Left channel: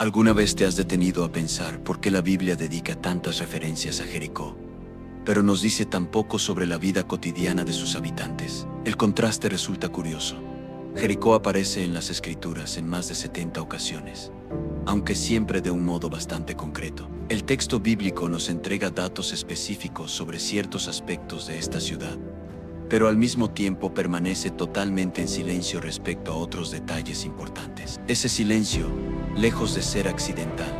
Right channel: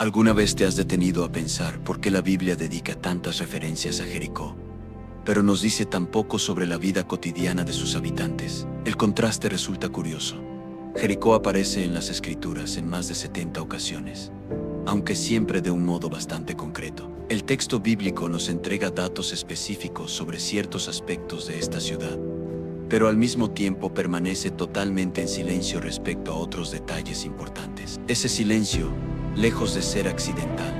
¿Alguna vez te has detenido a pensar por qué la Biblia dedica tantas referencias a Jericó, pero nos dice tan poco sobre la vida cotidiana de sus habitantes? El contraste resulta curioso. Jericó aparece en las Escrituras en más de 70 ocasiones, aunque siempre de un modo bastante concreto. El texto bíblico nos entrega datos específicos sobre ciertos aspectos de esta ciudad, pero al mismo tiempo permanece totalmente en silencio respecto a otros detalles importantes. Ese silencio, lejos de ser accidental,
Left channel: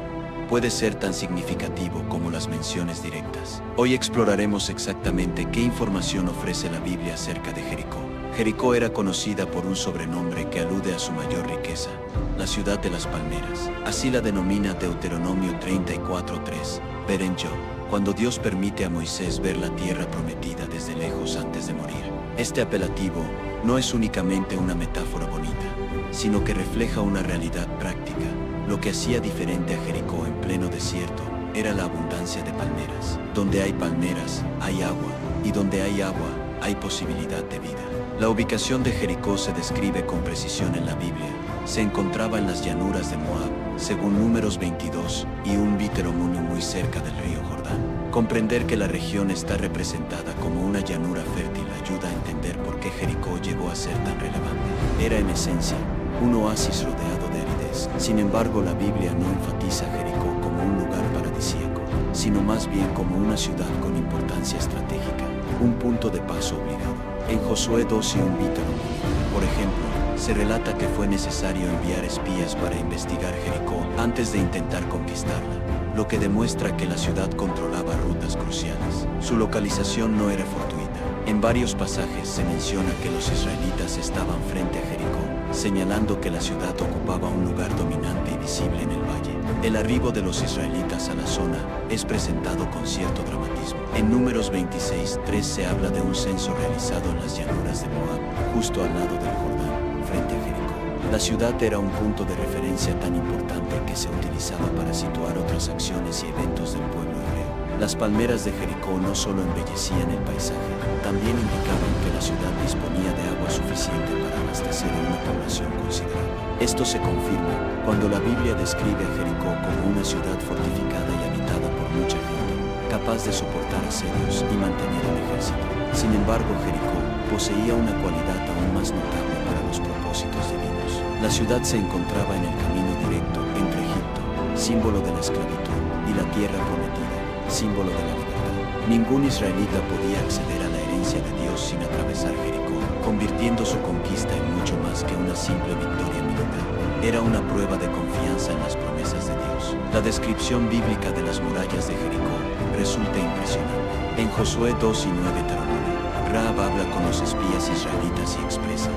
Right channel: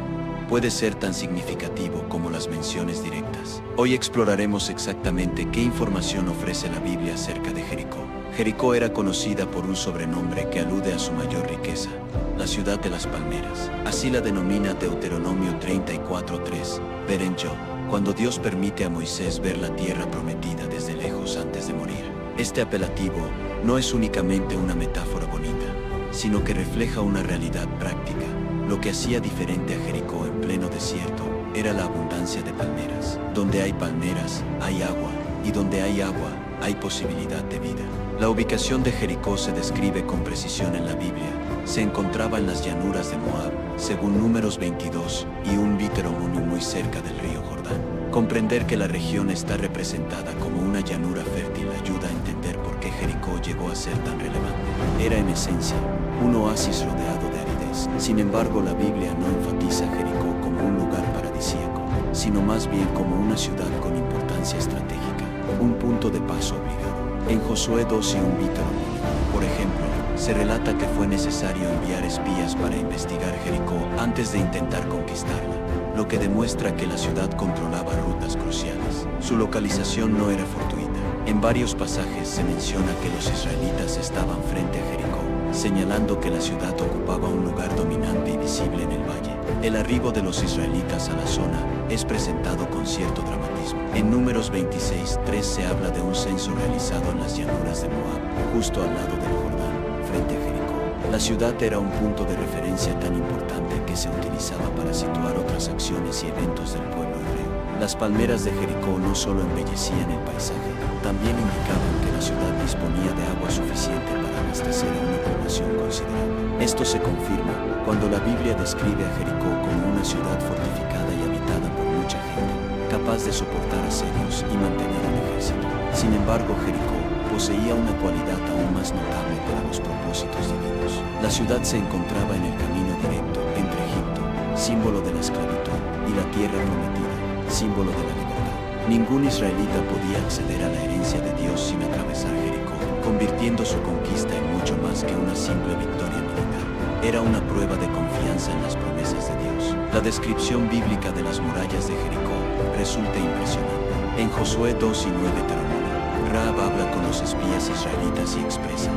puede ser tan significativo como las menciones directas. Hoy exploraremos exactamente qué información ofrece la Biblia acerca de Jericó. Jericó era conocida por un sobrenombre que alude a su mayor riqueza: la ciudad de las palmeras. Así la denomina Deuteronomio 34:3, Berenjo, cuando Dios permite a Moisés ver la tierra prometida desde lejos antes de morir. Este apelativo no es únicamente una metáfora bonita, sino que refleja una realidad práctica. Lo que hacía diferente a Jericó en pleno desierto era la abundancia de palmeras. Donde hay palmeras, hay agua, y donde hay agua, hay posibilidad de vida. La ubicación de Jericó se describe con precisión en la Biblia. Se encontraba en las llanuras de Moab, según Números 22, y un Deuteronomio muy cerca del río Jordán. Comprender que la región está representada como una llanura fértil ayuda a entender por qué Jericó llegó a ser tan relevante. Era en esencia un oasis rodeado de aridez. Sin embargo, la Biblia no enfatiza a Jericó como un lugar paradisíaco, sino más bien como una ciudad con importancia estratégica, un punto de paso obligado. En Josué 2 y un Deuteronomio, por ejemplo, se relata que fue necesario enviar espías para investigar Jericó antes de intentar conquistarla, lo que demuestra que la ciudad controlaba rutas cruciales. Su localización no era fortuita. En varios pasajes se menciona que los israelitas estaban frente a Jericó, señalando que la ciudad ocupaba un lugar dominante y visible en el valle. El arribo de los israelitas a la zona es presentado con cierto dramatismo. En Números 26:3 se habla de un censo realizado en las llanuras de Moab, justo al lado del Jordán, frente a Jericó. La ciudad era un punto de referencia tan importante que se utilizaba para situar otras acciones y eventos del pueblo hebreo. Las palmeras de Jericó no solo embellecían el paisaje, también indicaban que la ciudad disponía de agua suficiente para abastecer a una población considerable. Esto se confirma cuando la Biblia describe a Jericó como una ciudad fortificada y habitada por mucha gente, capaz de soportar asedios y mantener un ejército. Sin embargo, Jericó poseía una cualidad aún más notable para los propósitos divinos. La ciudad se encontraba en el camino directo entre Egipto, símbolo de la esclavitud, y la tierra prometida, símbolo de la libertad. Ningún israelita podía acceder a la herencia de Dios sin atravesar Jericó, convirtiendo su conquista en mucho más que una simple victoria militar. Era una prueba de confianza en las promesas de Dios. La descripción bíblica de las murallas de Jericó resulta impresionante. En Josué 2 y 9 Deuteronomio, Rahab habla con los espías israelitas y expresa:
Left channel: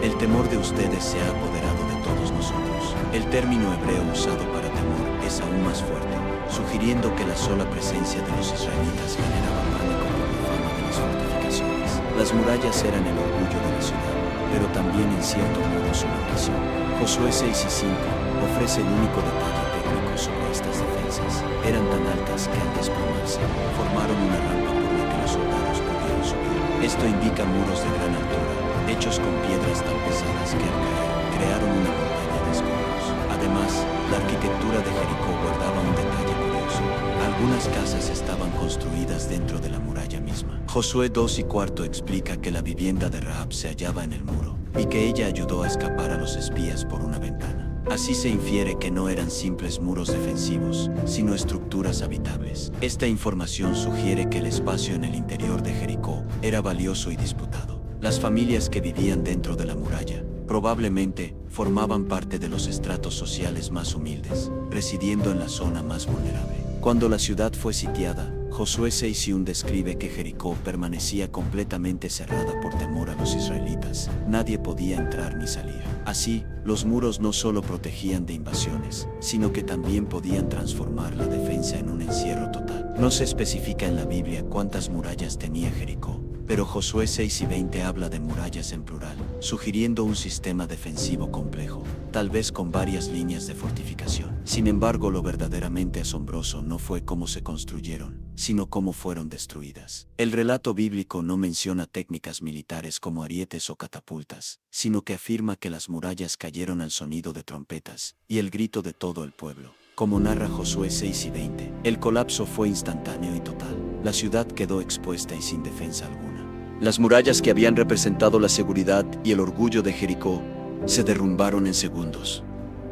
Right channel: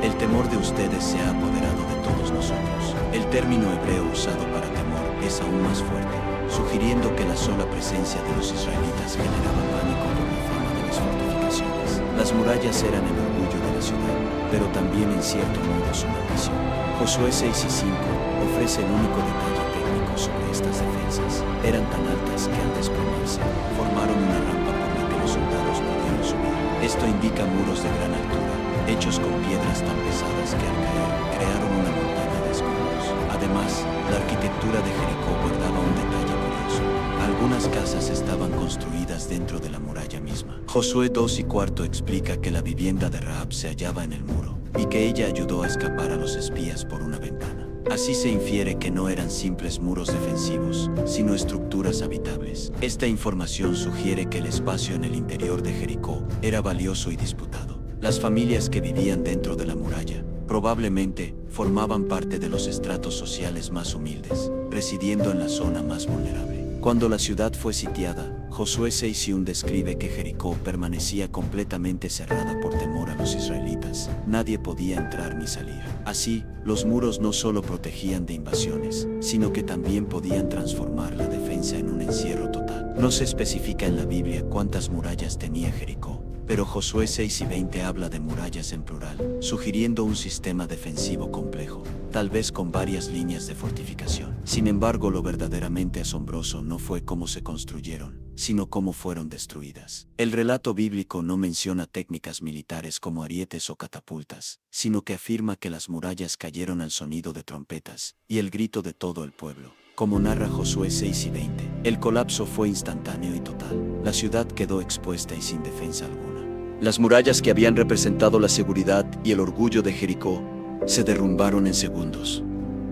el temor de ustedes se ha apoderado de todos nosotros. El término hebreo usado para temor es aún más fuerte, sugiriendo que la sola presencia de los israelitas generaba pánico por la fama de las fortificaciones. Las murallas eran el orgullo de la ciudad, pero también en cierto modo su maldición. Josué 6 y 5 ofrece el único detalle técnico sobre estas defensas. Eran tan altas que al desplomarse, formaron una rampa por la que los soldados pudieron subir. Esto indica muros de gran altura, hechos con piedras tan pesadas que al caer, crearon una montaña de escombros. Además, la arquitectura de Jericó guardaba un detalle curioso. Algunas casas estaban construidas dentro de la muralla misma. Josué 2 y 4 explica que la vivienda de Rahab se hallaba en el muro, y que ella ayudó a escapar a los espías por una ventana. Así se infiere que no eran simples muros defensivos, sino estructuras habitables. Esta información sugiere que el espacio en el interior de Jericó era valioso y disputado. Las familias que vivían dentro de la muralla probablemente formaban parte de los estratos sociales más humildes, residiendo en la zona más vulnerable. Cuando la ciudad fue sitiada, Josué 6:1 describe que Jericó permanecía completamente cerrada por temor a los israelitas. Nadie podía entrar ni salir. Así, los muros no solo protegían de invasiones, sino que también podían transformar la defensa en un encierro total. No se especifica en la Biblia cuántas murallas tenía Jericó, pero Josué 6 y 20 habla de murallas en plural, sugiriendo un sistema defensivo complejo. tal vez con varias líneas de fortificación. Sin embargo, lo verdaderamente asombroso no fue cómo se construyeron, sino cómo fueron destruidas. El relato bíblico no menciona técnicas militares como arietes o catapultas, sino que afirma que las murallas cayeron al sonido de trompetas y el grito de todo el pueblo. Como narra Josué 6 y 20, el colapso fue instantáneo y total. La ciudad quedó expuesta y sin defensa alguna. Las murallas que habían representado la seguridad y el orgullo de Jericó se derrumbaron en segundos.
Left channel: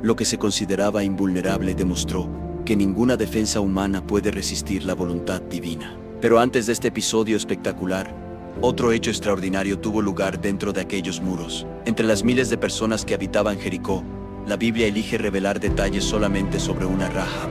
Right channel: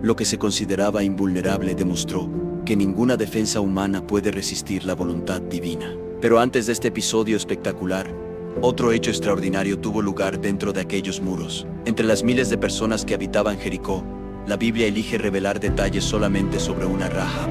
Lo que se consideraba invulnerable demostró que ninguna defensa humana puede resistir la voluntad divina. Pero antes de este episodio espectacular, otro hecho extraordinario tuvo lugar dentro de aquellos muros. Entre las miles de personas que habitaban Jericó, la Biblia elige revelar detalles solamente sobre una Rahab,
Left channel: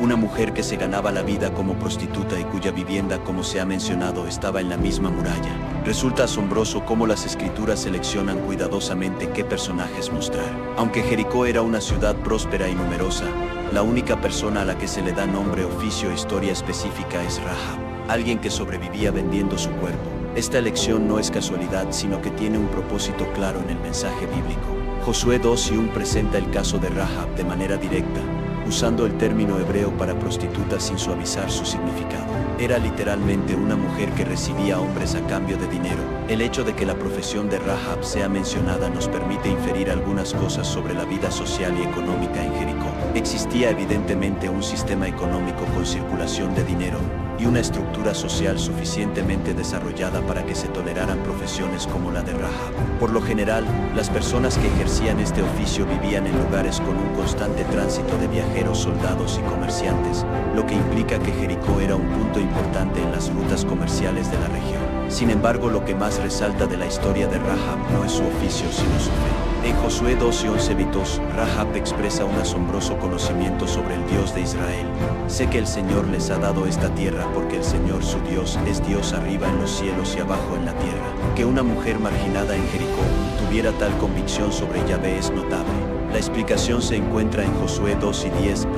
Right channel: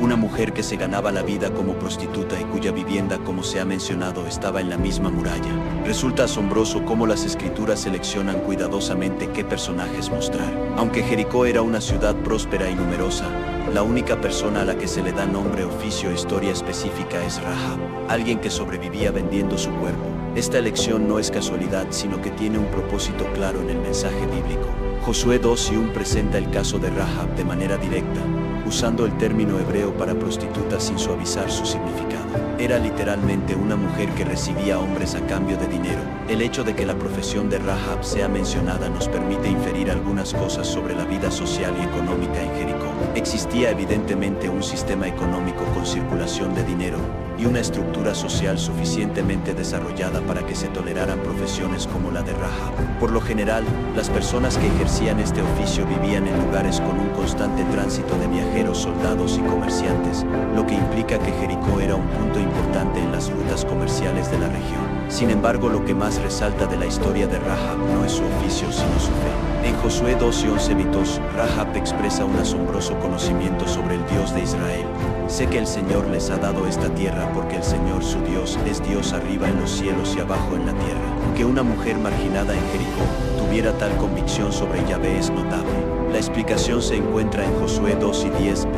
una mujer que se ganaba la vida como prostituta y cuya vivienda, como se ha mencionado, estaba en la misma muralla. Resulta asombroso cómo las escrituras seleccionan cuidadosamente qué personajes mostrar. Aunque Jericó era una ciudad próspera y numerosa, la única persona a la que se le da nombre, oficio e historia específica es Rahab, alguien que sobrevivía vendiendo su cuerpo. Esta elección no es casualidad, sino que tiene un propósito claro en el mensaje bíblico. Josué 2 y 1 presenta el caso de Rahab de manera directa, usando el término hebreo para prostituta sin suavizar su significado. Era literalmente una mujer que recibía hombres a cambio de dinero. El hecho de que la profesión de Rahab sea mencionada nos permite inferir algunas cosas sobre la vida social y económica en Jericó. Existía evidentemente un sistema económico con circulación de dinero y una estructura social suficientemente desarrollada para que se toleraran profesiones como la de Rahab. Por lo general, las personas que ejercían este oficio vivían en lugares con un constante tránsito de viajeros, soldados y comerciantes, lo que implica que Jericó era un punto importante en las rutas comerciales de la región. Sin embargo, lo que más resalta de la historia de Rahab no es su oficio, sino su fe. En Josué 2 y 11 Vitos, Rahab expresa un asombroso conocimiento sobre el Dios de Israel. Sé que el Señor les ha dado esta tierra porque el Señor su Dios es Dios arriba en los cielos y abajo en la tierra. Que una mujer marginada en Jericó tuviera tal convicción sobre Yahvé es notable. La explicación se encuentra en Josué 2 y 10,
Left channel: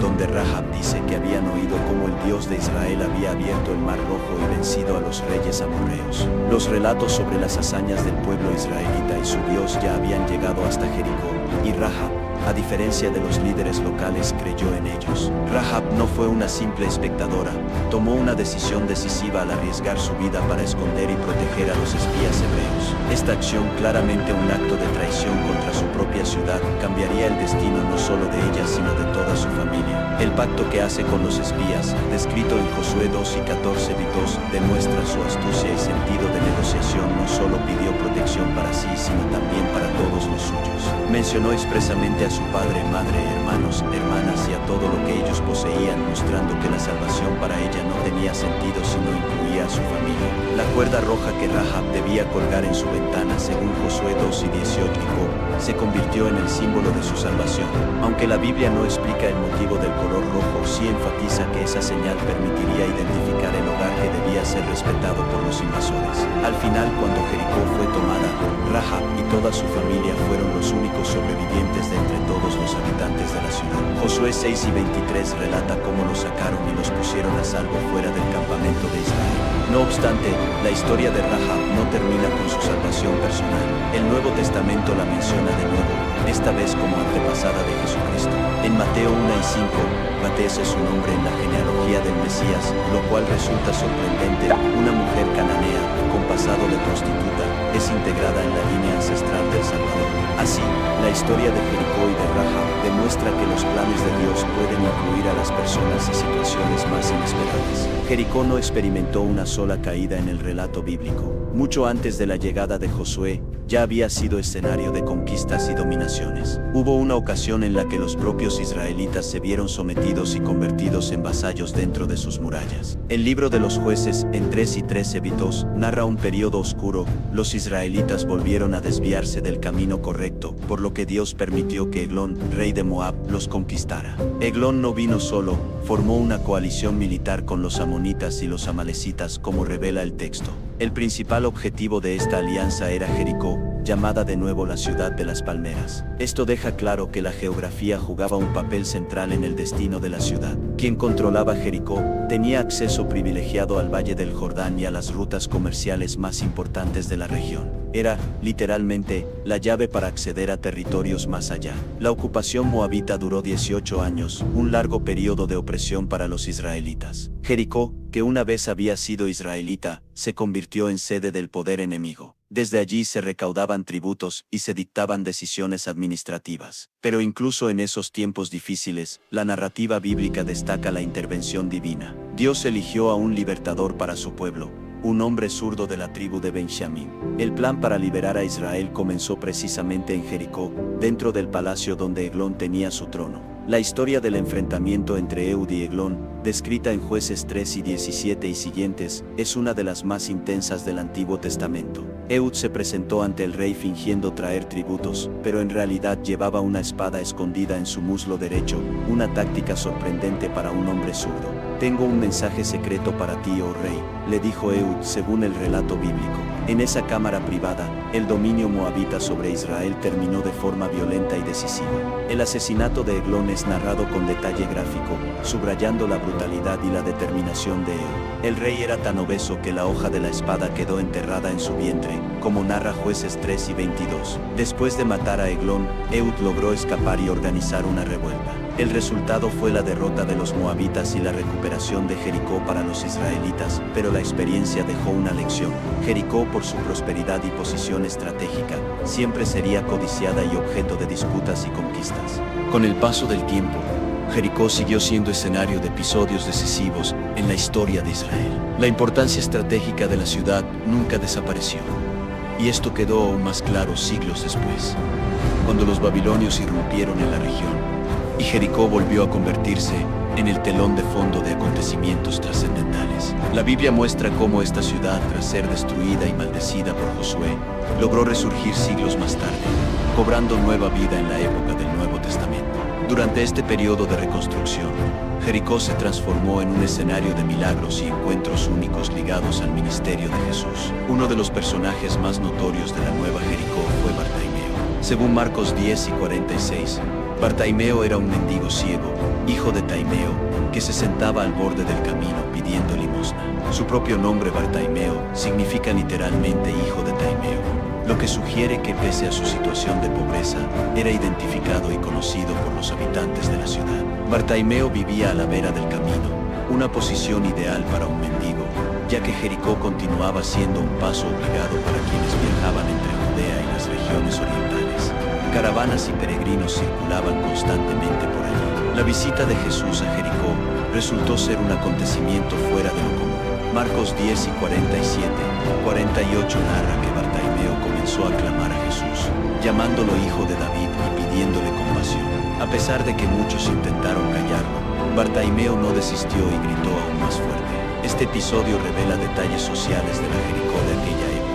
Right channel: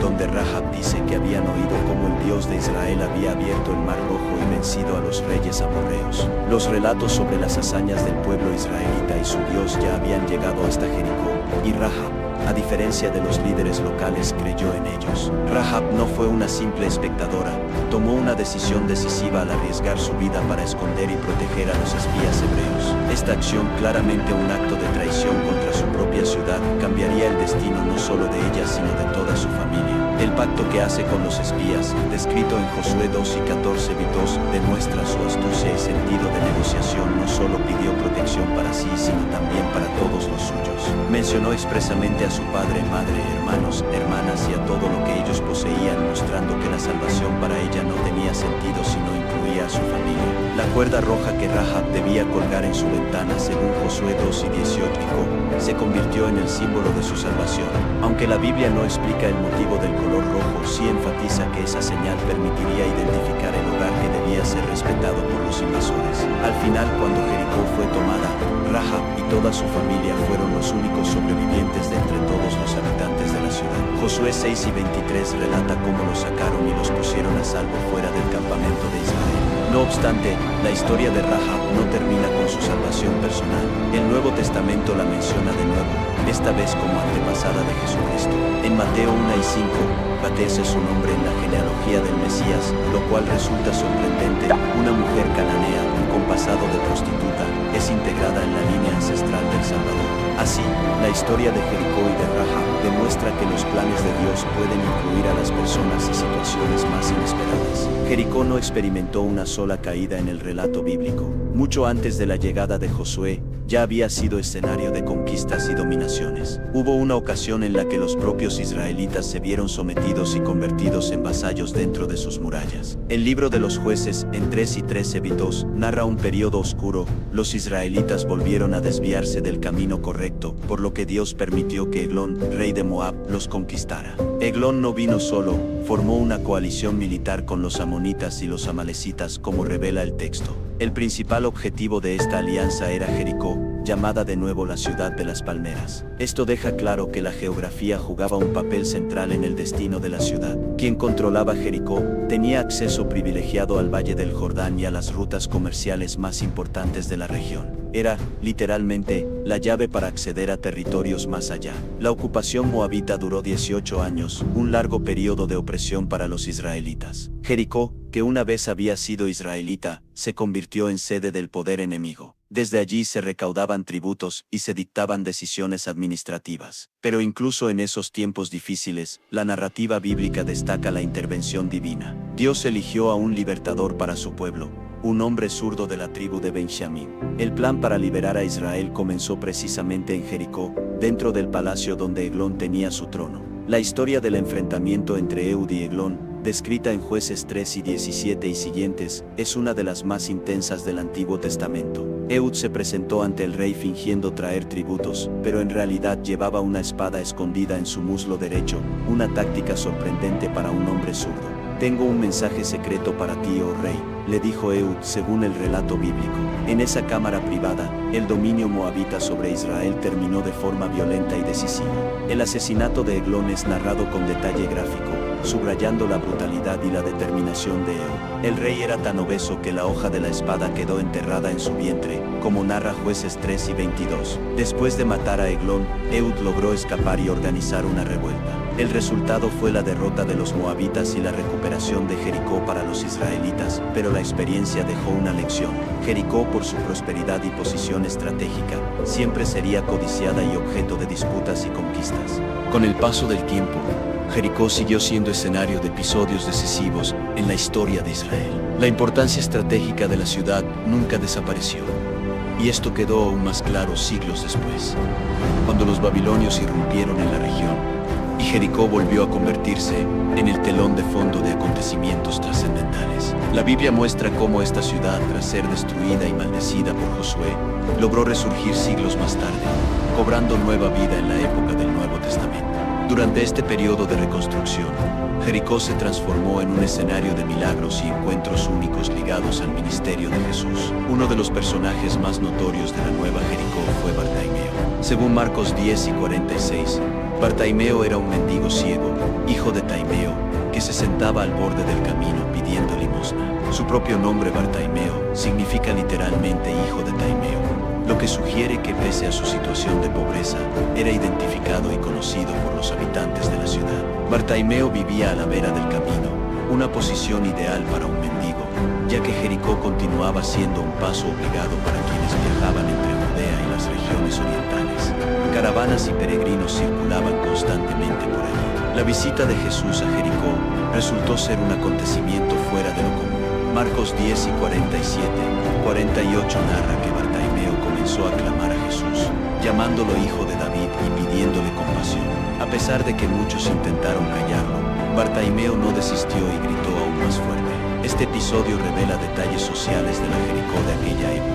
donde Rahab dice que habían oído cómo el Dios de Israel había abierto el Mar Rojo y vencido a los reyes amorreos. Los relatos sobre las hazañas del pueblo israelita y su Dios ya habían llegado hasta Jericó, y Rahab, a diferencia de los líderes locales, creyó en ellos. Rahab no fue una simple espectadora, tomó una decisión decisiva al arriesgar su vida para esconder y proteger a los espías hebreos. Esta acción, claramente un acto de traición contra su propia ciudad, cambiaría el destino no solo de ella sino de toda su familia. El pacto que hace con los espías, descrito en Josué 2 y 14 Vitos, demuestra su astucia y sentido de negociación. No solo pidió protección para sí, sino también para todos los suyos. Mencionó expresamente a su padre, madre, hermanos, hermanas y a todo lo que ellos poseían, mostrando que la salvación para ella no tenía sentido si no incluía a su familia. La cuerda roja que Rahab debía colgar en su ventana, según Josué 2 y 18, se convirtió en el símbolo de su salvación. Aunque la Biblia no explica el motivo del color rojo, sí enfatiza que esa señal permitiría identificar el hogar que debía ser respetado por los invasores. Al final, cuando Jericó fue tomada, Rahab y toda su familia fueron los únicos sobrevivientes de entre todos los habitantes de la ciudad. Josué 6 y 23 relata cómo los sacaron y los pusieron a salvo fuera del campamento de Israel. No obstante, la historia de Rahab no termina con su salvación personal. El Nuevo Testamento la menciona de nuevo, esta vez como antepasada de Jesucristo. En Mateo 1 y 5, aparece su nombre en la genealogía del Mesías, lo cual resulta sorprendente. Una mujer cananea, con pasado de prostituta, es integrada en la línea ancestral del Salvador. Así, la historia de Jericó y de Rahab demuestra que los planes de Dios pueden incluir a las personas y situaciones más inesperadas. Jericó no experimentó una sola caída en el relato bíblico. Mucho antes de la llegada de Josué, ya había sido escenario de conquistas y dominaciones. Hubo una ocasión en la que los propios israelitas se vieron sometidos y convertidos en vasallos dentro de sus murallas. El libro de los jueces, en 3 y 13 Vitos, narra un periodo oscuro. Los israelitas volvieron a desviarse del camino correcto, por lo que Dios permitió que Eglón, rey de Moab, los conquistara. Eglón no vino solo, formó una coalición militar con los amonitas y los amalecitas, como revela el texto. El principal objetivo de esta alianza era Jericó, llamada de nuevo la ciudad de las palmeras. Esto deja claro que la geografía jugaba un papel central en el destino de la ciudad. Quien controlaba Jericó tenía acceso privilegiado al Valle del Jordán y a las rutas comerciales más importantes de la región. era, literalmente, la llave para acceder a territorios más allá. La ocupación moabita duró 18 años, un largo periodo de opresión para los israelitas. Jericó, que una vez había sido israelita, se convirtió en sede del poder enemigo. Desde allí se recaudaban tributos y se dictaban decisiones administrativas. Pero incluso en esos tiempos difíciles, la narrativa bíblica destaca la intervención divina. Dios eligió a un libertador para su pueblo, un hombre zurdo de la tribu de Benjamín. El plan para liberar a Israel comenzó precisamente en Jericó, dentro del palacio donde Eglón tenía su trono. La historia del enfrentamiento entre Ehud y Eglón, descrita en Jueces 3 y 17 y siguientes, es una de las más intensas del Antiguo Testamento. Ehud se presentó ante el rey fingiendo traer tributos, pero en realidad llevaba una espada escondida en su muslo derecho, una táctica sorprendente para un hombre zurdo. «Tengo un mensaje secreto para ti, oh rey», le dijo Ehud según el relato bíblico. En esa cámara privada, el dominio moabita sobre Israel terminó de forma violenta y decisiva. El asesinato de Eglón es narrado con detalle gráfico, subrayando la brutalidad y la determinación de Ehud. El rey era tan obeso que la hoja de la espada quedó enterrada en su vientre, como narra Jueces 3 y 22. Después de matar a Eglón, Ehud logró escapar y organizar una revuelta. El resultado fue la derrota de los moabitas y la recuperación de Jericó para los israelitas, pero la experiencia dejó una lección. Jericó, por su prosperidad y posición estratégica, siempre sería codiciada y objeto de disputas y conquistas. Con el paso del tiempo, Jericó siguió siendo escenario de episodios decisivos en la historia de Israel. La importancia estratégica de la ciudad nunca desapareció, y esto quedó aún más claro siglos después, cuando los babilonios irrumpieron en la región, y Jericó volvió a convertirse en el telón de fondo de acontecimientos trascendentales. La Biblia muestra cómo esta ciudad, tras ser destruida y maldecida por Josué, logró resurgir siglos más tarde, cobrando nueva vida en la época del Nuevo Testamento. Durante este periodo de reconstrucción, Jericó se transformó en un escenario de milagros y encuentros únicos ligados al ministerio de Jesús. Uno de los personajes más notorios de la nueva Jericó fue Bartimeo. Según Marcos 10 y 46, Bartimeo era un mendigo ciego, hijo de Taimeo, que se sentaba al borde del camino pidiendo limosna. Su propio nombre, Bartimeo, significa literalmente hijo de Taimeo, lo que sugiere que pese a su situación de pobreza, era identificado y conocido por los habitantes de la ciudad. Bartimeo vivía a la vera del camino, una posición ideal para un mendigo, ya que Jericó continuaba siendo un paso obligado para quienes viajaban entre Judea y las regiones orientales. Caravanas y peregrinos circulaban constantemente por allí. La visita de Jesús a Jericó resultó ser un acontecimiento fuera de lo común. Marcos 10 y 47, 48 narra que Bartimeo comenzó a clamar a Jesús, llamándolo hijo de David y pidiéndole compasión. A pesar de que muchos intentaron callarlo, Bartimeo no desistió y gritó aún más fuerte. Este episodio revela detalles sociales de la Jericó de aquella época.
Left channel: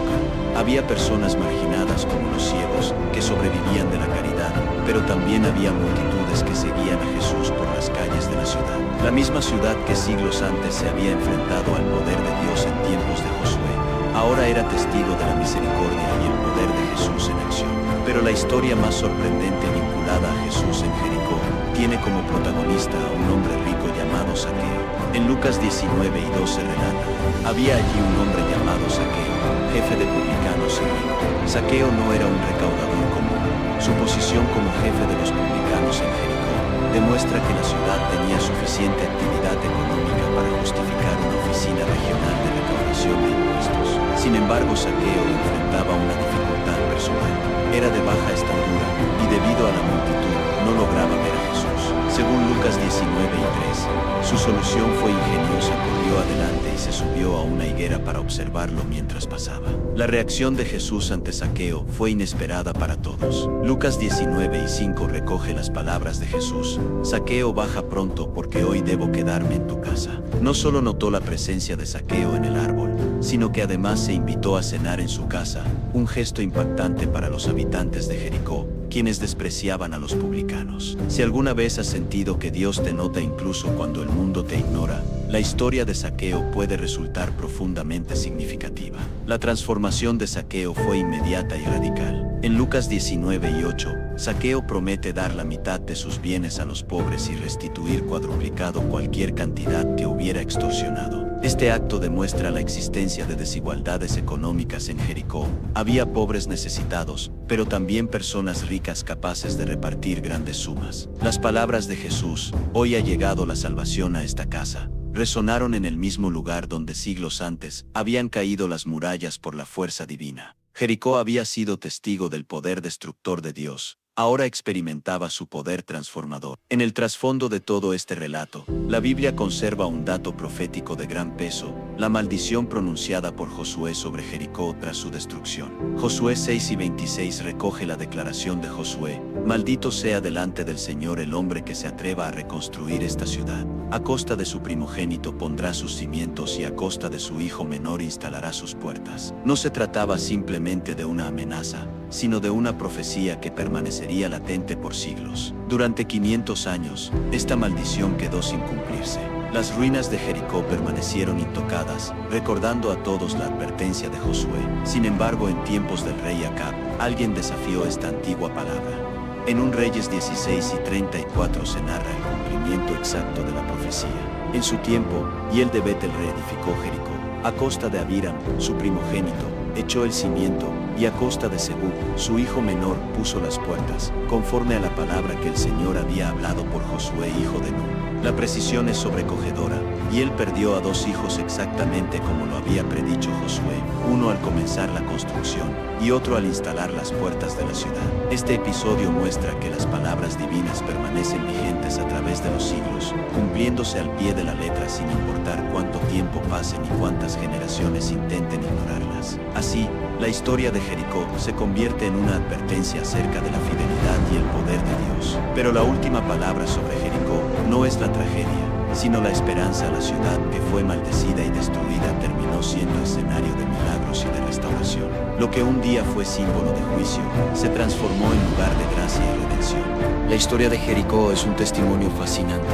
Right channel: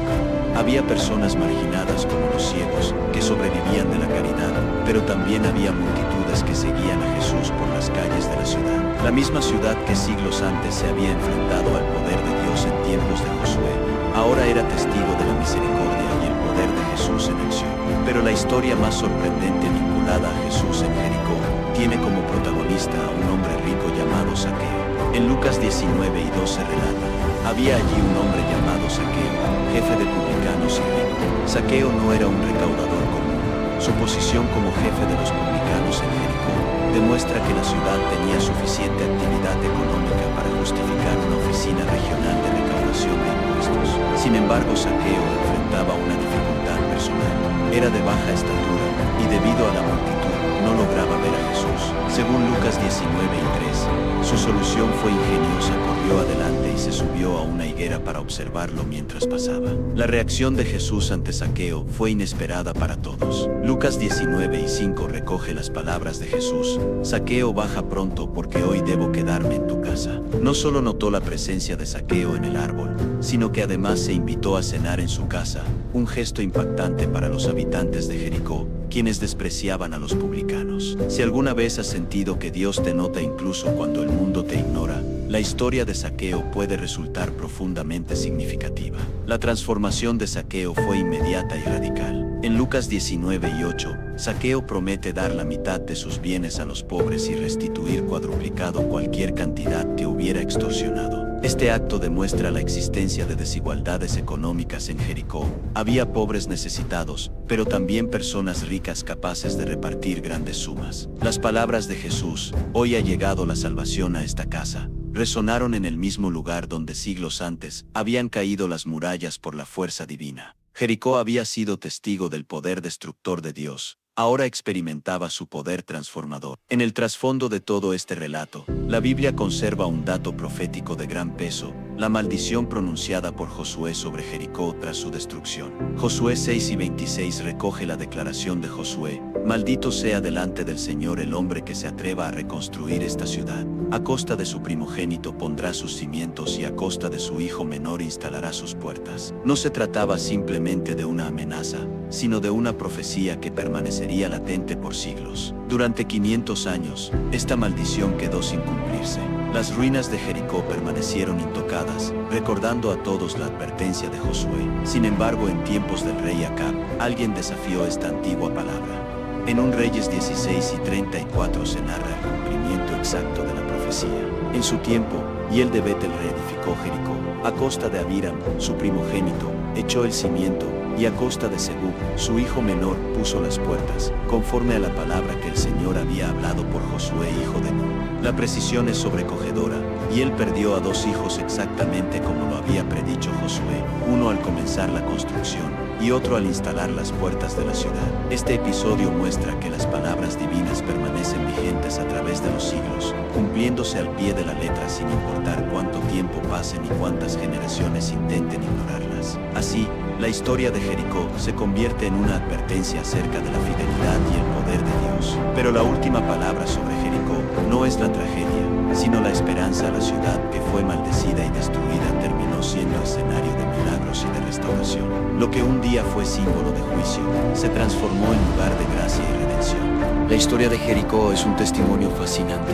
Había personas marginadas como los ciegos, que sobrevivían de la caridad, pero también había multitudes que seguían a Jesús por las calles de la ciudad. La misma ciudad que siglos antes se había enfrentado al poder de Dios en tiempos de Josué, ahora era testigo de la misericordia y el poder de Jesús en acción. Pero la historia más sorprendente vinculada a Jesús en Jericó tiene como protagonista a un hombre rico llamado Zaqueo. En Lucas 19 y 12 relata: había allí un hombre llamado Zaqueo, jefe de publicanos y rico. Zaqueo no era un recaudador común. Su posición como jefe de los publicanos en Jericó demuestra que la ciudad tenía suficiente actividad económica para justificar una oficina regional de recaudación de impuestos. Sin embargo, Zaqueo enfrentaba una dificultad personal. Era de baja estatura y debido a la multitud no lograba ver a Jesús. Según Lucas 19 y 3, su solución fue ingeniosa: corrió adelante y se subió a una higuera para observarlo mientras pasaba. La reacción de Jesús ante Zaqueo fue inesperada para todos. Lucas 19 y 5 recoge las palabras de Jesús: Zaqueo, baja pronto porque hoy debo quedarme en tu casa. No solo notó la presencia de Zaqueo en el árbol, sino que además se invitó a cenar en su casa, un gesto impactante para los habitantes de Jericó, quienes despreciaban a los publicanos. Si alguna vez has sentido que Dios te nota incluso cuando el mundo te ignora, la historia de Zaqueo puede resultar profundamente significativa. La transformación de Zaqueo fue inmediata y radical. En Lucas 19 y 8, Zaqueo promete dar la mitad de sus bienes a los pobres y restituir cuadruplicado cualquier cantidad que hubiera extorsionado. Este acto demuestra la existencia de desigualdades económicas en Jericó. Había pobres necesitados, pero también personas ricas capaces de repartir grandes sumas. Las palabras de Jesús, "Hoy ha llegado la salvación a esta casa", resonaron en el mismo lugar donde siglos antes habían caído las murallas por la fuerza divina. Jericó había sido testigo del poder destructor de Dios. Ahora experimentaba su poder transformador. En el trasfondo de todo este relato, la Biblia conserva un dato profético de gran peso: la maldición pronunciada por Josué sobre Jericó tras su destrucción. Josué 6:26 recoge la declaración de Josué: "Maldito sea delante del Señor el hombre que se atreva a reconstruir esta ciudad. A costa de su primogénito pondrá sus cimientos y a costa de su hijo menor instalará sus puertas". No se trataba simplemente de una amenaza, sino de una profecía que permanecería latente por siglos. Durante 500 años, esta maldición quedó sin cumplirse. Las ruinas de Jericó permanecieron intocadas, recordando a todos la advertencia de Josué. Sin embargo, en tiempos del rey Acab, alguien desafió esta antigua palabra. En 1 Reyes 16:34 se narra el cumplimiento exacto de la profecía. En su tiempo, Hiel de Betel reedificó Jericó. A costa de Abiram, su primogénito, echó el cimiento, y a costa de Segub, su hijo menor, puso las puertas, conforme a la palabra que el Señor había hablado por Josué hijo de Nun. La precisión es sobrecogedora, y él perdió a 2 hijos exactamente como lo había predicho Josué, uno al comenzar la construcción, y otro al instalar las puertas de la ciudad. Este episodio muestra que las palabras divinas permanecen vigentes a través de los siglos, cumpliéndose al pie de la letra sin importar cuánto tiempo pase ni cuántas generaciones intenten ignorarlas. Así, la historia de Jericó se convierte en una advertencia acerca de la fidelidad y el poder de Dios. Pero la última palabra sobre Jericó no es la tragedia, sino la esperanza. La ciudad que fue maldecida y destruida terminó siendo escenario de milagros y de restauración. Lo que un día fue símbolo de juicio, se transformó en lugar de gracia y redención. La historia de Jericó es un testimonio fascinante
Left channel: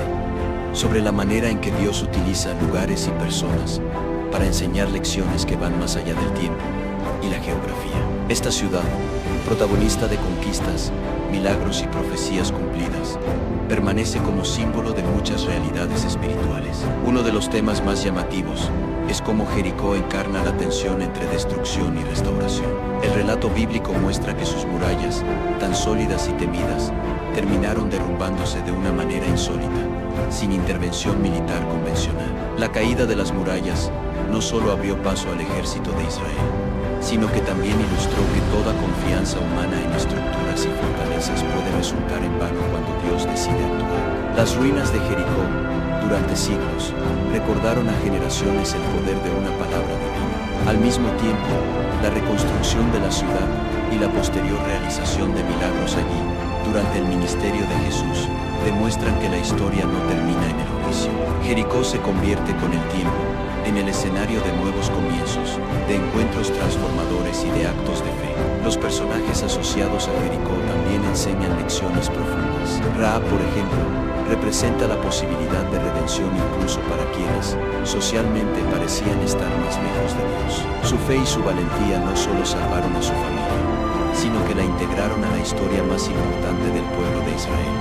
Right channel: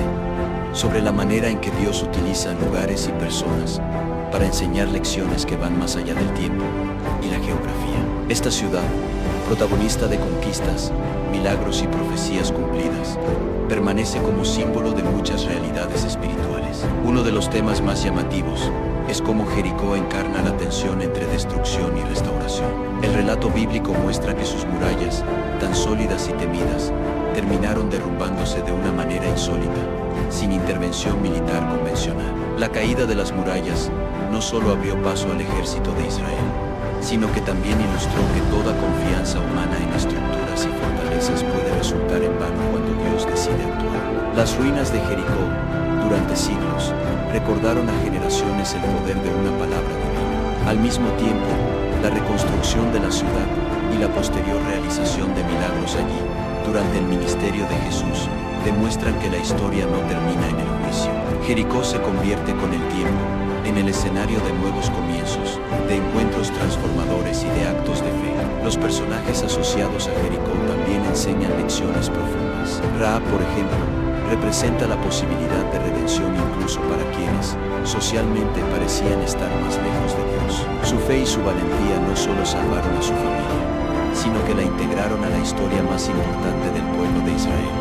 sobre la manera en que Dios utiliza lugares y personas para enseñar lecciones que van más allá del tiempo y la geografía. Esta ciudad, protagonista de conquistas, milagros y profecías cumplidas, permanece como símbolo de muchas realidades espirituales. Uno de los temas más llamativos es cómo Jericó encarna la tensión entre destrucción y restauración. El relato bíblico muestra que sus murallas, tan sólidas y temidas, terminaron derrumbándose de una manera insólita, sin intervención militar convencional. La caída de las murallas no solo abrió paso al ejército de Israel, sino que también ilustró que toda confianza humana en estructuras y fortalezas puede resultar en vano cuando Dios decide actuar. Las ruinas de Jericó, durante siglos, recordaron a generaciones el poder de una palabra divina. Al mismo tiempo, la reconstrucción de la ciudad y la posterior realización de milagros allí, durante el ministerio de Jesús, demuestran que la historia no termina en el juicio. Jericó se convierte con el tiempo en el escenario de nuevos comienzos, de encuentros transformadores y de actos de fe. Los personajes asociados a Jericó también enseñan lecciones profundas. Rahab, por ejemplo, representa la posibilidad de redención incluso para quienes, socialmente, parecían estar más lejos de Dios. Su fe y su valentía no solo salvaron a su familia, sino que la integraron a la historia más importante del pueblo de Israel,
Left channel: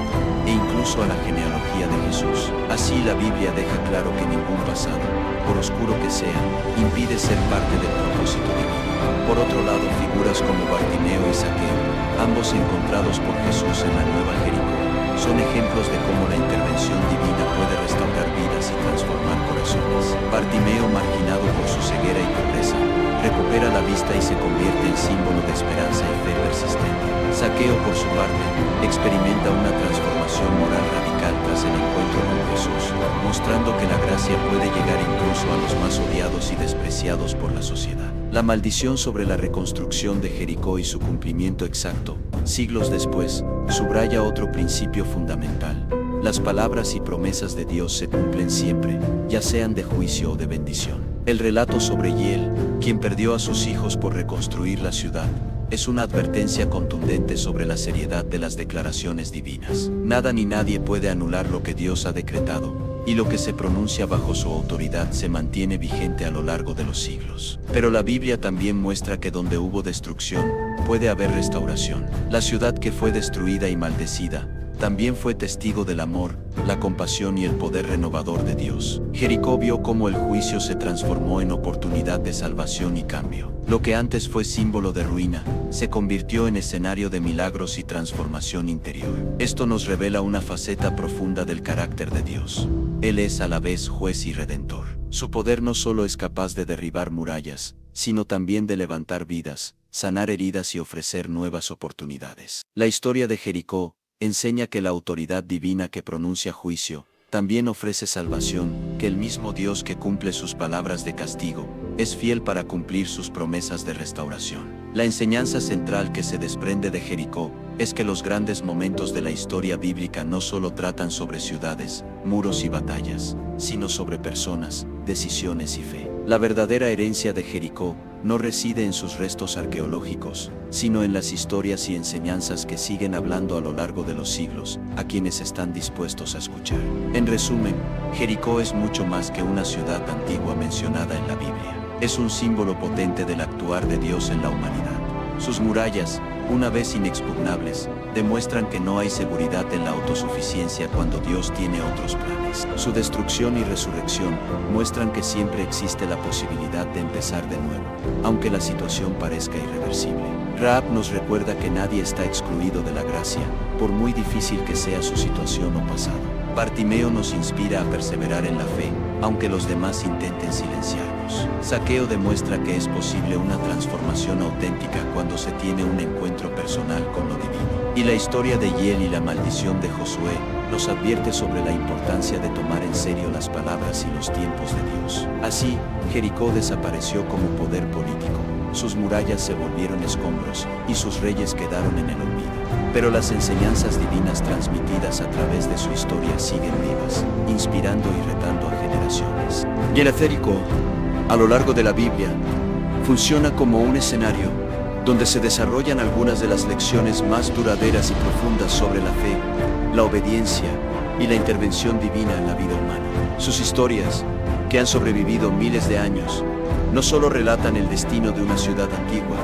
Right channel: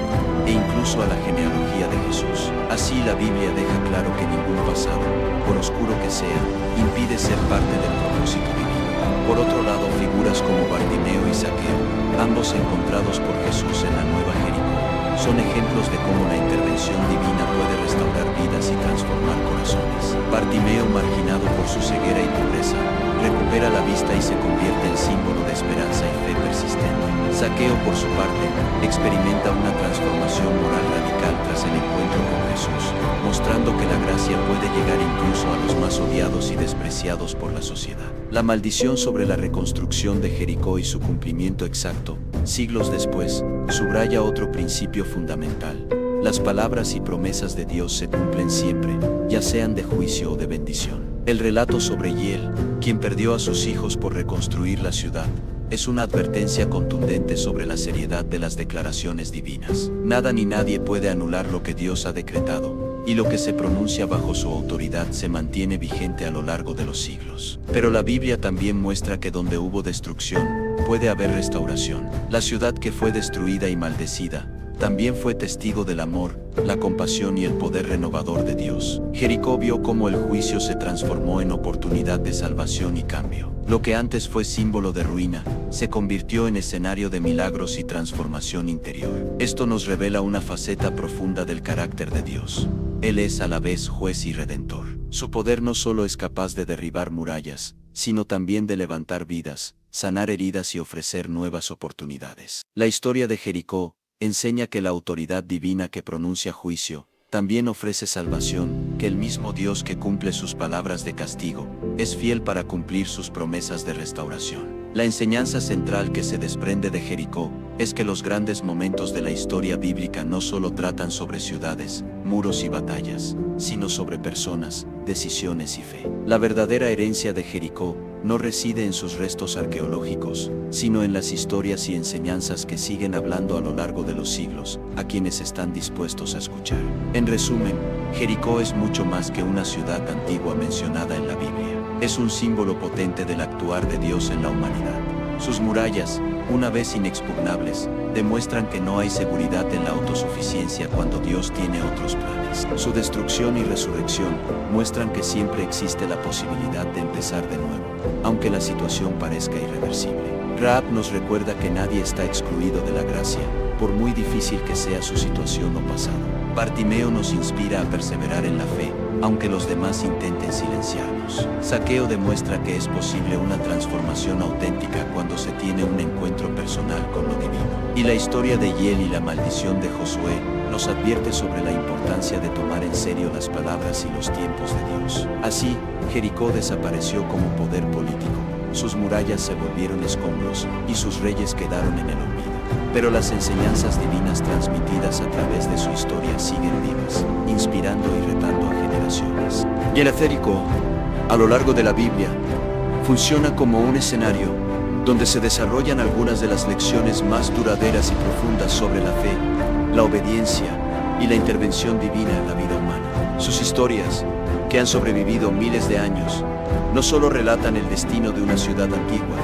e incluso a la genealogía de Jesús. Así, la Biblia deja claro que ningún pasado, por oscuro que sea, impide ser parte del propósito divino. Por otro lado, figuras como Bartimeo y Zaqueo, ambos encontrados por Jesús en la Nueva Jericó, son ejemplos de cómo la intervención divina puede restaurar vidas y transformar corazones. Bartimeo, marginado por su ceguera y pobreza, recupera la vista y se convierte en símbolo de esperanza y fe persistente. Zaqueo, por su parte, experimenta una transformación moral radical tras el encuentro con Jesús, mostrando que la gracia puede llegar incluso a los más odiados y despreciados por la sociedad. La maldición sobre la reconstrucción de Jericó y su cumplimiento exacto, siglos después, subraya otro principio fundamental: las palabras y promesas de Dios se cumplen siempre, ya sean de juicio o de bendición. El relato sobre Hiel, quien perdió a sus hijos por reconstruir la ciudad, es una advertencia contundente sobre la seriedad de las declaraciones divinas. Nada ni nadie puede anular lo que Dios ha decretado, y lo que se pronuncia bajo su autoridad se mantiene vigente a lo largo de los siglos. Pero la Biblia también muestra que donde hubo destrucción, puede haber restauración. La ciudad que fue destruida y maldecida también fue testigo del amor, la compasión y el poder renovador de Dios. Jericó vio cómo el juicio se transformó en oportunidad de salvación y cambio. Lo que antes fue símbolo de ruina, se convirtió en escenario de milagros y transformación interior. Esto nos revela una faceta profunda del carácter de Dios. Él es a la vez juez y redentor. Su poder no solo es capaz de derribar murallas, sino también de levantar vidas, sanar heridas y ofrecer nuevas oportunidades. La historia de Jericó enseña que la autoridad divina que pronuncia juicio, también ofrece salvación, que el mismo Dios que cumple sus palabras de castigo, es fiel para cumplir sus promesas de restauración. La enseñanza central que se desprende de Jericó es que los grandes momentos de la historia bíblica no solo tratan sobre ciudades, muros y batallas, sino sobre personas, decisiones y fe. La verdadera herencia de Jericó no reside en sus restos arqueológicos, sino en las historias y enseñanzas que siguen hablando a lo largo de los siglos, a quienes están dispuestos a escuchar. En resumen, Jericó es mucho más que una ciudad antigua mencionada en la Biblia. Es un símbolo potente del actuar de Dios en la humanidad. Sus murallas, una vez inexpugnables, demuestran que no hay seguridad en la autosuficiencia cuando Dios tiene otros planes. Su destrucción y resurrección muestran que siempre existe la posibilidad de empezar de nuevo, aunque la situación parezca irreversible. Rahab nos recuerda que nadie está excluido de la gracia, por muy difícil que sea su situación o pasado. Bartimeo nos inspira a perseverar en la fe, aunque los demás intenten silenciarnos. Zaqueo demuestra que es posible una transformación auténtica cuando se tiene un encuentro personal con lo divino. Y la historia de Hiel y la maldición de Josué nos advierte sobre la importancia de tomar en serio las palabras y los tiempos de Dios. Así, Jericó desapareció como poder político. Sus murallas se volvieron escombros, y sus reyes quedaron en el olvido. Pero las enseñanzas divinas transmitidas a través de su historia siguen vivas, inspirando y retando a generaciones. Y el Jericó, a lo largo de la Biblia, funciona como un escenario donde se desarrollan algunas de las lecciones más duraderas y profundas sobre la fe, la obediencia y la intervención divina en la vida humana. Sus historias, que han sobrevivido miles de años, no solo relatan el destino de una ciudad antigua,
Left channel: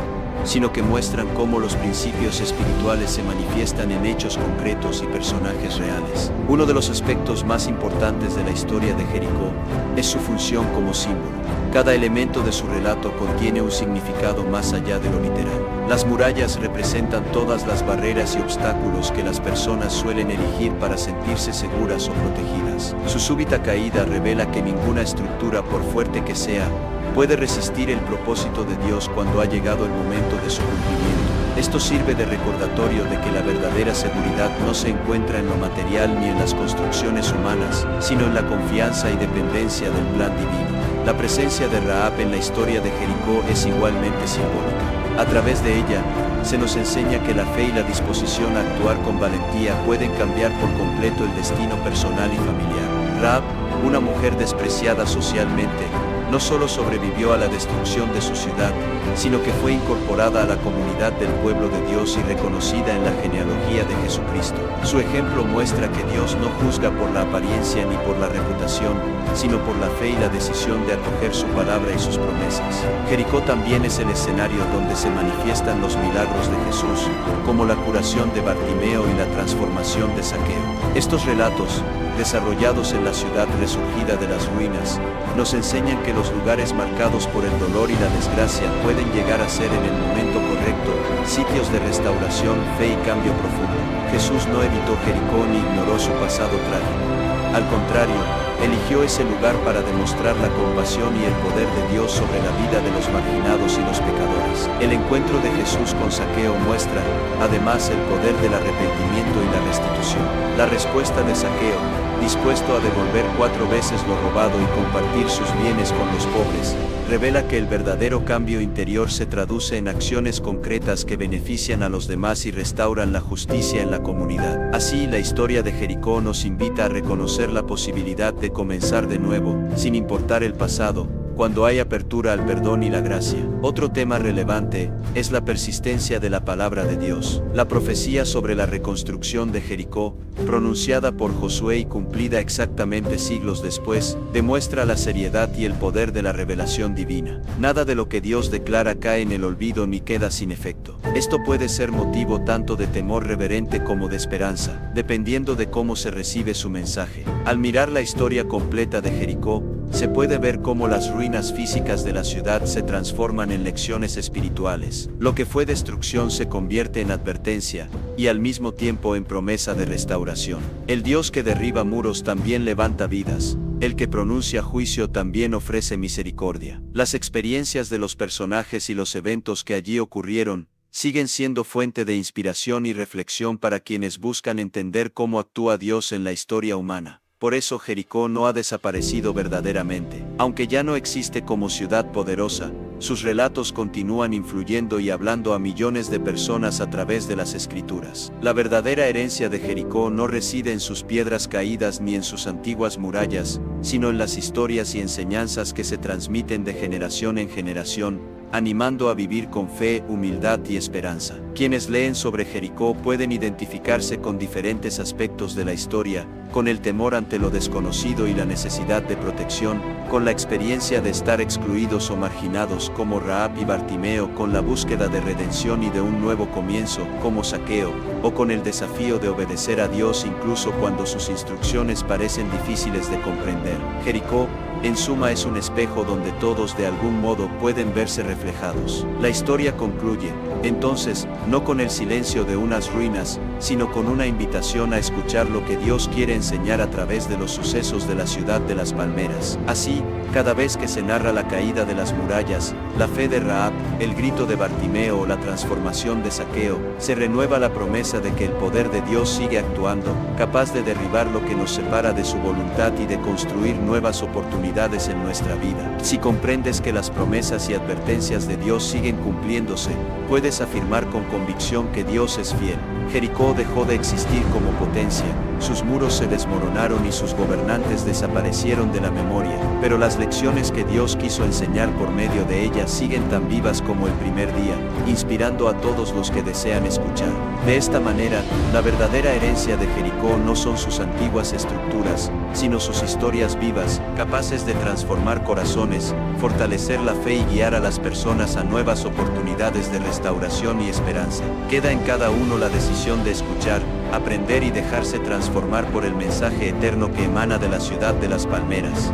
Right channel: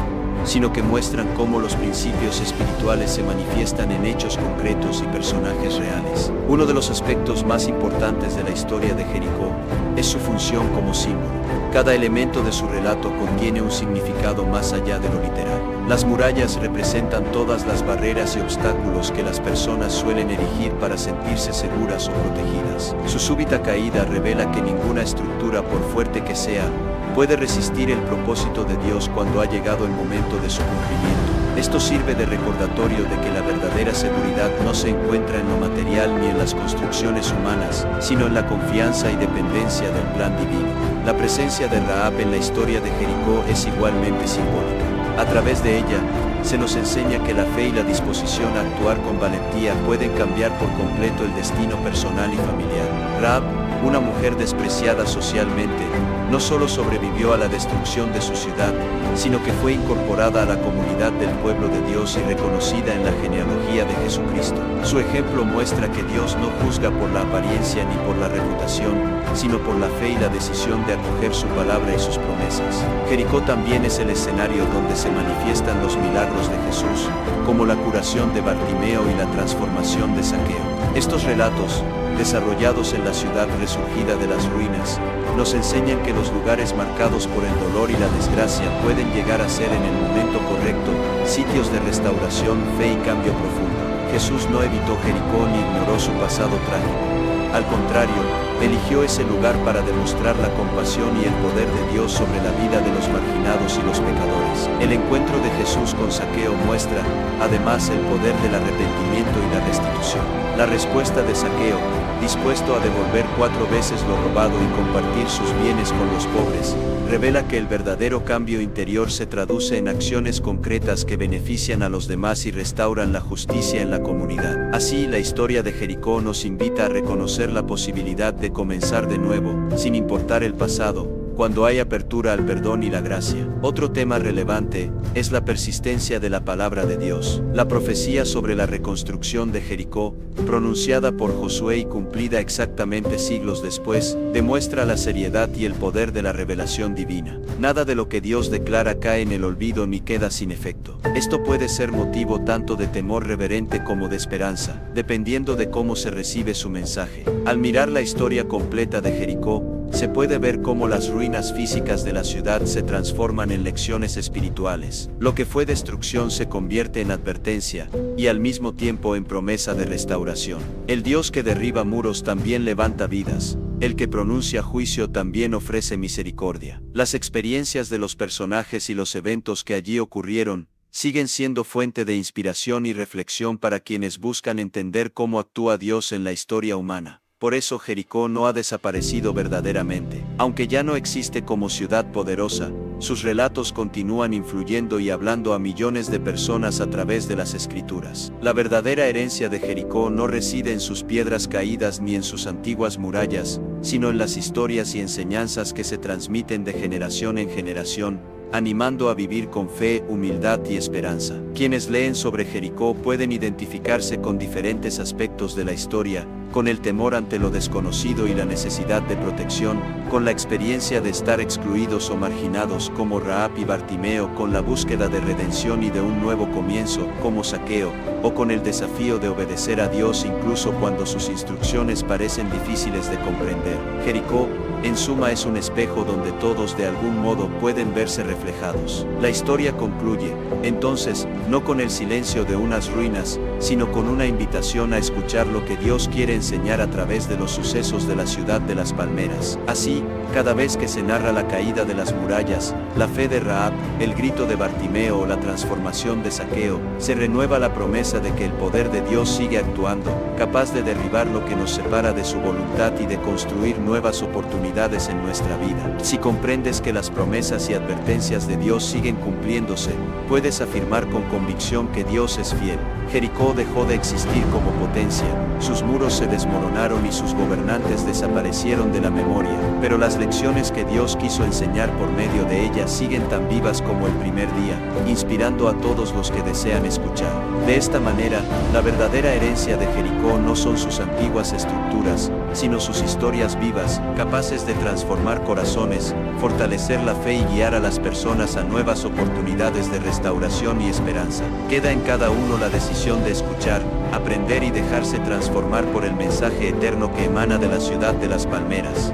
sino que muestran cómo los principios espirituales se manifiestan en hechos concretos y personajes reales. Uno de los aspectos más importantes de la historia de Jericó es su función como símbolo. Cada elemento de su relato contiene un significado más allá de lo literal. Las murallas representan todas las barreras y obstáculos que las personas suelen erigir para sentirse seguras o protegidas. Su súbita caída revela que ninguna estructura, por fuerte que sea, puede resistir el propósito de Dios cuando ha llegado el momento de su cumplimiento. Esto sirve de recordatorio de que la verdadera seguridad no se encuentra en lo material ni en las construcciones humanas, sino en la confianza y dependencia del plan divino. La presencia de Rahab en la historia de Jericó es igualmente simbólica. A través de ella, se nos enseña que la fe y la disposición a actuar con valentía pueden cambiar por completo el destino personal y familiar. Rahab, una mujer despreciada socialmente, no solo sobrevivió a la destrucción de su ciudad, sino que fue incorporada a la comunidad del pueblo de Dios y reconocida en la genealogía de Jesucristo. Su ejemplo muestra que Dios no juzga por la apariencia ni por la reputación, sino por la fe y la decisión de acoger su palabra y sus promesas. Jericó también es el escenario donde se manifiestan los milagros de Jesús, como la curación de Bartimeo y la transformación de Zaqueo. Estos relatos, desarrollados en la ciudad resurgida de las ruinas, nos enseñan que los lugares marcados por el dolor y la desgracia pueden llegar a ser en el momento correcto sitios de restauración, fe y cambio profundo. Jesús no evitó Jericó ni ignoró su pasado trágico. Al contrario, eligió ese lugar para demostrar la compasión y el poder de Dios sobre la vida de los marginados y los pecadores. El encuentro de Jesús con Zaqueo muestra, además, el poder del arrepentimiento y la restitución. La respuesta de Zaqueo, dispuesto a devolver 4 veces lo robado y compartir sus bienes con los pobres, revela que el verdadero cambio interior se traduce en acciones concretas que benefician a los demás y restauran la justicia en la comunidad. Así, la historia de Jericó nos invita a reconocer la posibilidad de comenzar de nuevo, sin importar el pasado, cuando hay apertura al perdón y la gracia. Otro tema relevante es la persistencia de la palabra de Dios. La profecía sobre la reconstrucción de Jericó, pronunciada por Josué y cumplida exactamente siglos después, demuestra la seriedad y el poder de la revelación divina. Nada de lo que Dios declara cae en el olvido ni queda sin efecto. Esto puede ser motivo tanto de temor reverente como de esperanza, dependiendo de cómo se recibe su mensaje. Al mirar la historia completa de Jericó, se puede ver cómo las ruinas físicas de la ciudad se transforman en lecciones espirituales. Lo que fue destrucción se convierte en advertencia, y al mismo tiempo en promesa de restauración. El Dios que derriba muros también levanta vidas. El que pronuncia juicio también ofrece misericordia. Las experiencias de los personajes y los eventos que allí ocurrieron siguen siendo fuente de inspiración y reflexión para quienes buscan entender cómo actúa Dios en la historia humana. Por eso Jericó no ha desaparecido verdaderamente. Aunque ya no existe como ciudad poderosa, sus relatos continúan influyendo y hablando a millones de personas a través de las escrituras. La verdadera herencia de Jericó no reside en sus piedras caídas ni en sus antiguas murallas, sino en las historias y enseñanzas que se transmiten de generación en generación, animando a vivir con fe, humildad y esperanza. Quienes leen sobre Jericó pueden identificarse con diferentes aspectos de la historia, con el temor ante lo desconocido y la necesidad de protección, con la experiencia de estar excluidos o marginados como Rahab y Bartimeo, con la búsqueda de redención y de un nuevo comienzo como Zaqueo, o con el desafío de obedecer a Dios incluso cuando sus instrucciones parecen difíciles de comprender. Jericó, en suma, es un espejo donde todos de algún modo pueden verse reflejados. La historia concluye, entonces, no con el silencio de unas ruinas, sino con una invitación a escuchar lo que Dios quiere enseñar a través de los sucesos de la ciudad de las palmeras. Así, cada vez que se narra la caída de las murallas, la fe de Rahab, el grito de Bartimeo o la transformación de Zaqueo, se renueva la promesa de que el poder de Dios sigue actuando, capaz de derribar lo que nos separa de su voluntad y de construir nuevas oportunidades en nuestra vida. Si comprendes que las promesas y advertencias de Dios siguen cumpliéndose, puedes afirmar con convicción que Dios es fiel. Jericó dejó de existir como potencia, sus muros se desmoronaron y sus gobernantes desaparecieron de la memoria, pero las lecciones que Dios quiso enseñar por medio de ella siguen tan vivas como el primer día, inspirando a todos los que desean escuchar. De esta manera, la verdadera herencia de Jericó no son sus antiguas estructuras, sino sus historias vivas, capaces de transformar corazones, fortalecer la fe y guiar a las personas a nuevas oportunidades de restauración y esperanza. Queda en cada uno la decisión de escuchar, aprender y dejarse transformar por el mensaje eterno que emana de la ciudad de las palmeras.